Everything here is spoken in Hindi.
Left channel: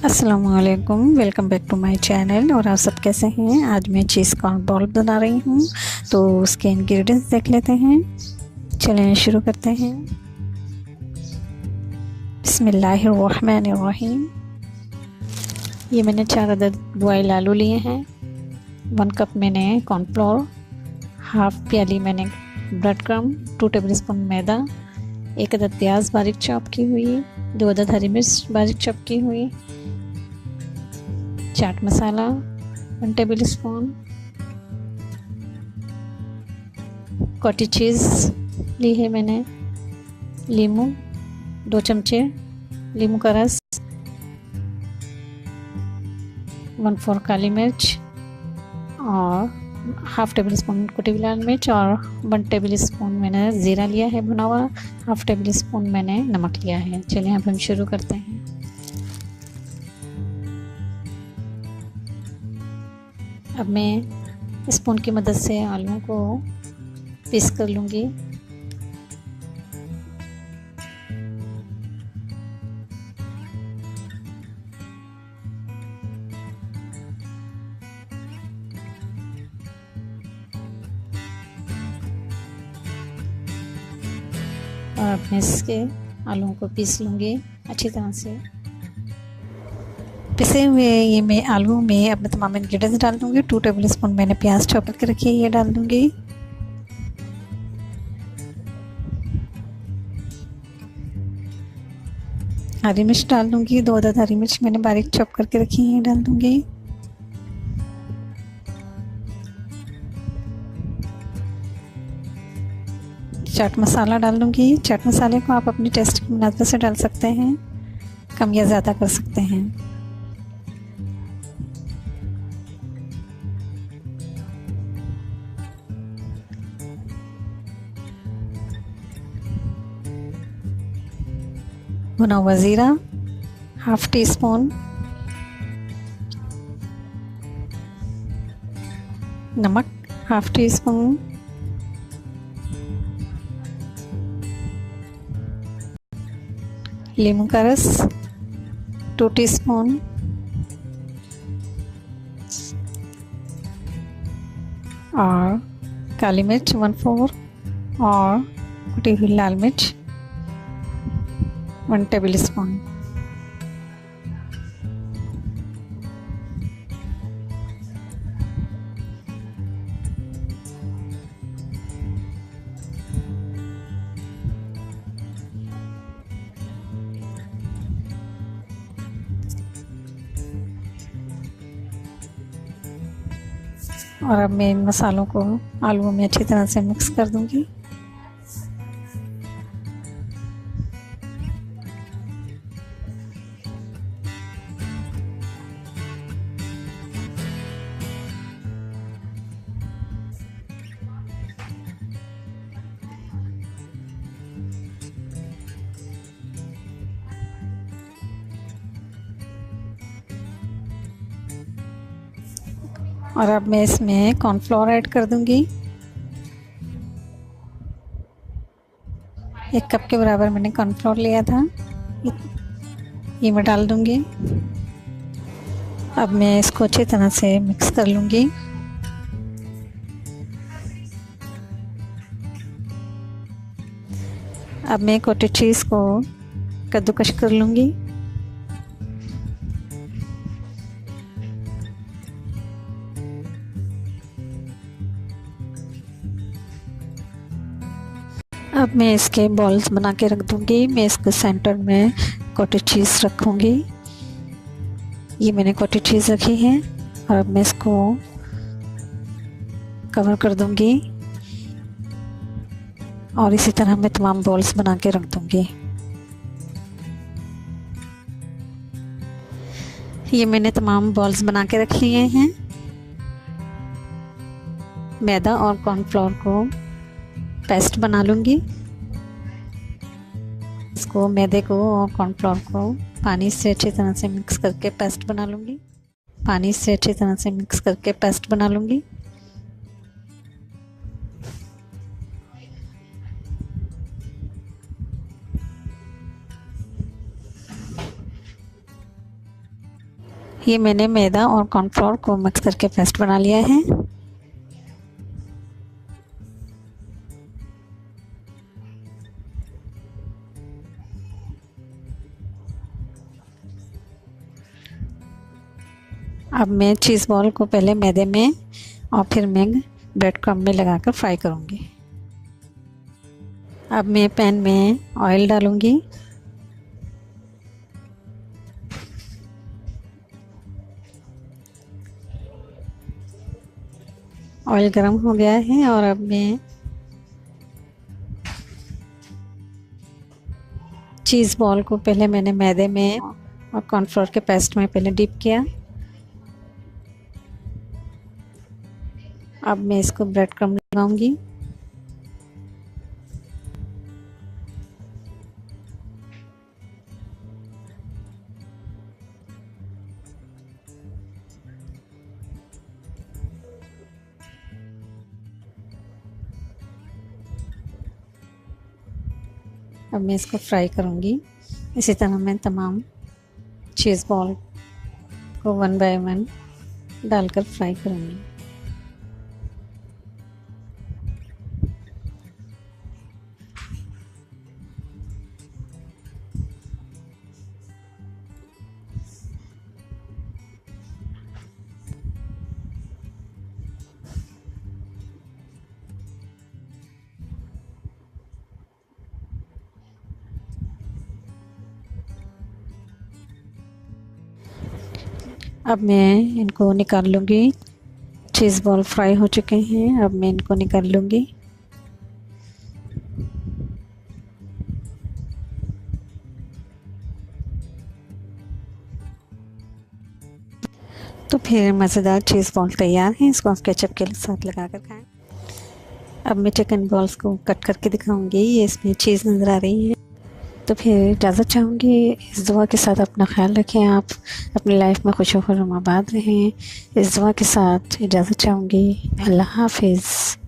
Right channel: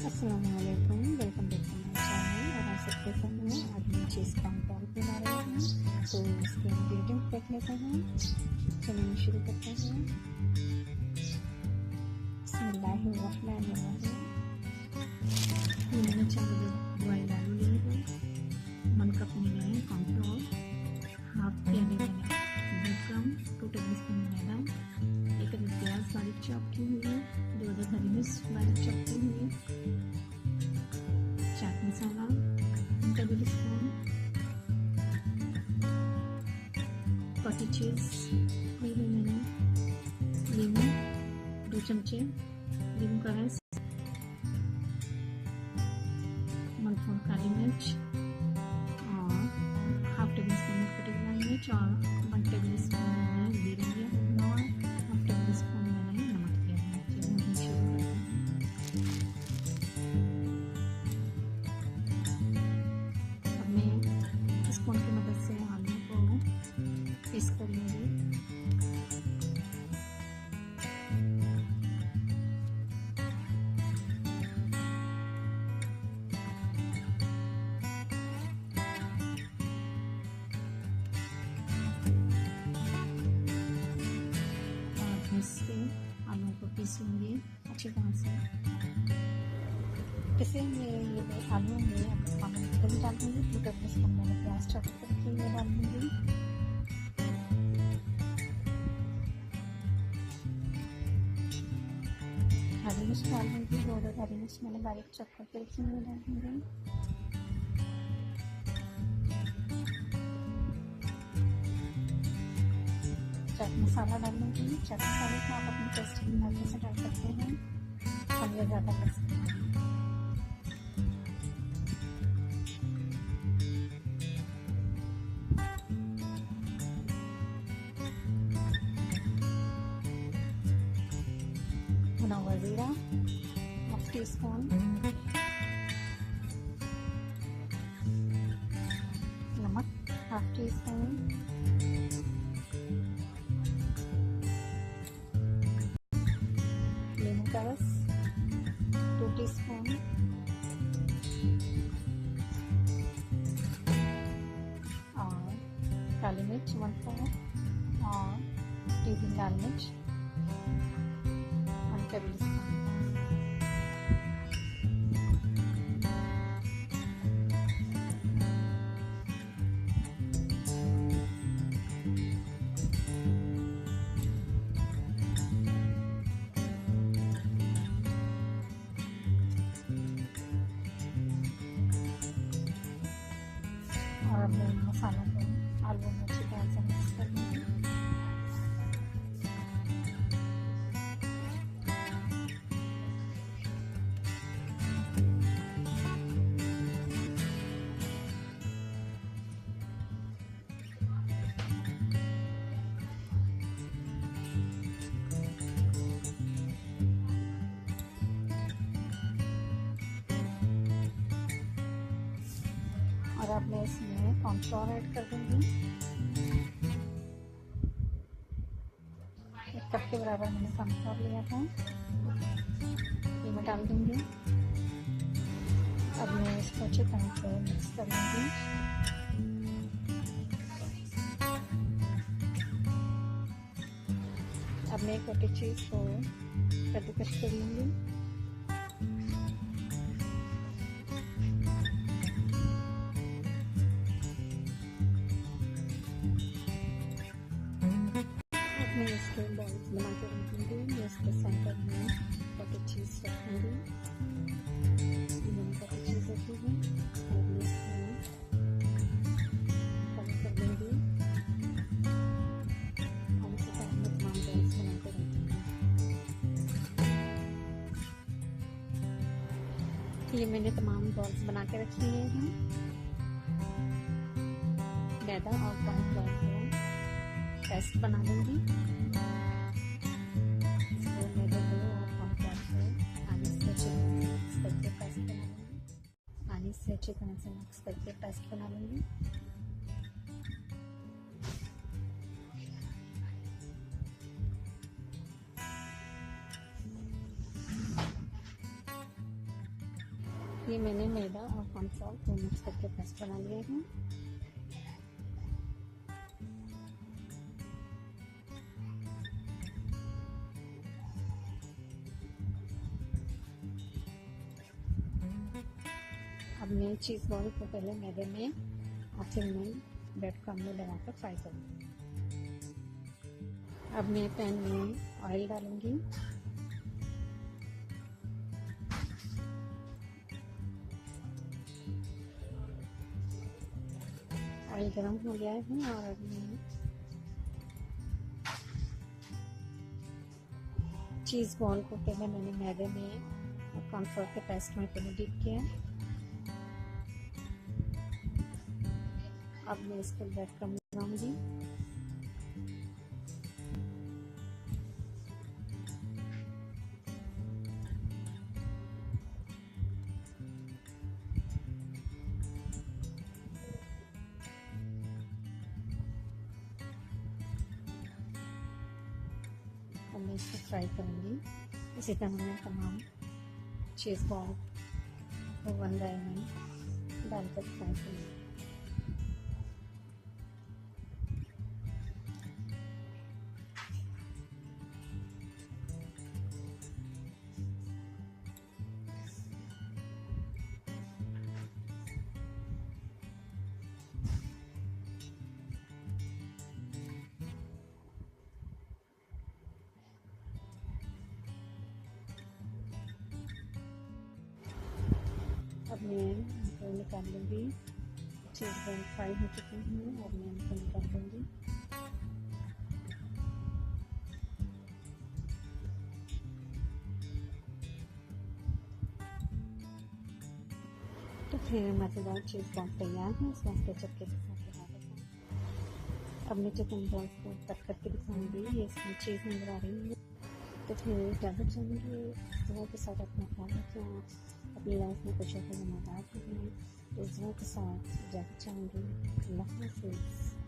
अस्सलामुअलैकुम, welcome back to my channel. और आप सब कैसे हैं? आज मैं चीज़ कॉर्न बॉल बना रही हूँ, तो उसके इंग्रेडिएंट्स देख लेते हैं। चलें शुरू करते हैं। बिस्मिल्लाहिर्रहमानिर्रहीम। ये मैंने 4 अदद बॉयल आलू लिए हैं। 1 कप मैंने कॉर्नफ्लोर, हाफ प्याली मैंने ब्रेड क्रम्ब, 2 टेबलस्पून मैदा, 1 अदद प्याज बारीक चॉप की हुई, 2 अदद हरी मिर्च बारीक चॉप की हुई, chaat masala 1 table spoon, cottage चीज़ ली है मैंने, लीमू 2 चमचे, लीमू का रस, 1/4 काली मिर्च और हाफ टेबल स्पून कुटी हुई लाल मिर्च और 1 टेबल स्पून मैंने ज़ीरा लिया है भुना हुआ, हाफ टेबल स्पून मैंने नमक लिया है। चलिए अब हम शुरू करते हैं। अब मैं स्पून की मदद से आलू को पीस कर लूँगी। और अब मैं इसके आलूओं को पीस लूँगी अच्छी तरह से। पिसे हुए ये मैं आलू में अपने तमाम इंग्रेडिएंट्स डाल दूँगी। 2 टेबल स्पून मैंने प्याज चॉप करके रखी है, ये डाल दूँगी। हरी मिर्च डाल दूँगी, 2 अदद हरी मिर्च मैंने बारीक चॉप करके रखी है, ये डाल दूँगी। चाट मसाला डाल दूँगी। चाट मसाले को आप अपने टेस्ट के मुताबिक से डाल सकते हैं, कम या ज़्यादा कर सकते हैं। भुना हुआ ज़ीरा हाफ टी स्पून, नमक हाफ टी स्पून, लीमू का रस 2 टीस्पून, और काली मिर्च 1/4 और कुटी हुई लाल मिर्च 1 टेबल स्पून। और अब मैं इन मसालों को आलूओं में अच्छी तरह से मिक्स कर दूंगी। और अब मैं इसमें कॉर्नफ्लोर ऐड कर दूंगी। 1 कप के बराबर मैंने कॉर्नफ्लोर लिया था, ये मैं डाल दूंगी। अब मैं इसको अच्छी तरह से मिक्स कर लूंगी। अब मैं कॉटेज चीज़ को कद्दूकश कर लूंगी। अब मैं इसके बॉल्स बना के रख दूंगी। मैं इसके सेंटर में कॉटेज चीज़ रखूंगी। ये मैंने कॉटेज चीज़ रखी है और अब मैं इसको कवर कर दूंगी और इसी तरह मैं तमाम बॉल्स बना के रख दूंगी। ये मैंने तमाम बॉल्स बना के रख लिए हैं। मैदा और कॉर्नफ्लोर को पेस्ट बना लूँगी। इसको मैदे को और कॉर्नफ्लोर को पानी से अच्छी तरह से मिक्स करके पेस्ट बना लूँगी। पानी से अच्छी तरह से मिक्स करके पेस्ट बना लूँगी। ये मैंने मैदा और कॉर्नफ्लोर को मिक्स करके पेस्ट बना लिया है। अब मैं चीज़ बॉल को पहले मैदे में और फिर मैं ब्रेड क्रम्ब में लगाकर फ्राई करूँगी। अब मैं पैन में ऑयल डालूँगी। ऑयल गरम हो गया है और अब मैं चीज़ बॉल को पहले मैंने मैदे में और कॉर्नफ्लोर के पेस्ट में पहले डिप किया। अब मैं इसको ब्रेड क्रम्ब लगाऊंगी। अब मैं इसको फ्राई करूंगी। इसी तरह मैं तमाम चीज़ बॉल को वन बाय वन डालकर फ्राई करूंगी। अब मैं इनको निकाल लूँगी। चीज़ बॉल फ्राई हो चुके हैं। अब मैं इनको निकाल लूँगी। तो फिर मज़ेदार चीज़ बॉल तैयार है। इसको आप केचप के साथ लगा कर खाएँ। अब मैं चिकन बॉल्स को कट करके दिखाऊंगी। ये इसमें चीज़ नज़र आ रही है। तो फिर इजाज़त चाहूँगी। इस दुआ के साथ अपना ख्याल रखें। आप अपनी लाइफ में खुश होकर आबाद रहें। इस दुआ के साथ इजाज़त चाहूँगी। अल्लाह हाफिज़।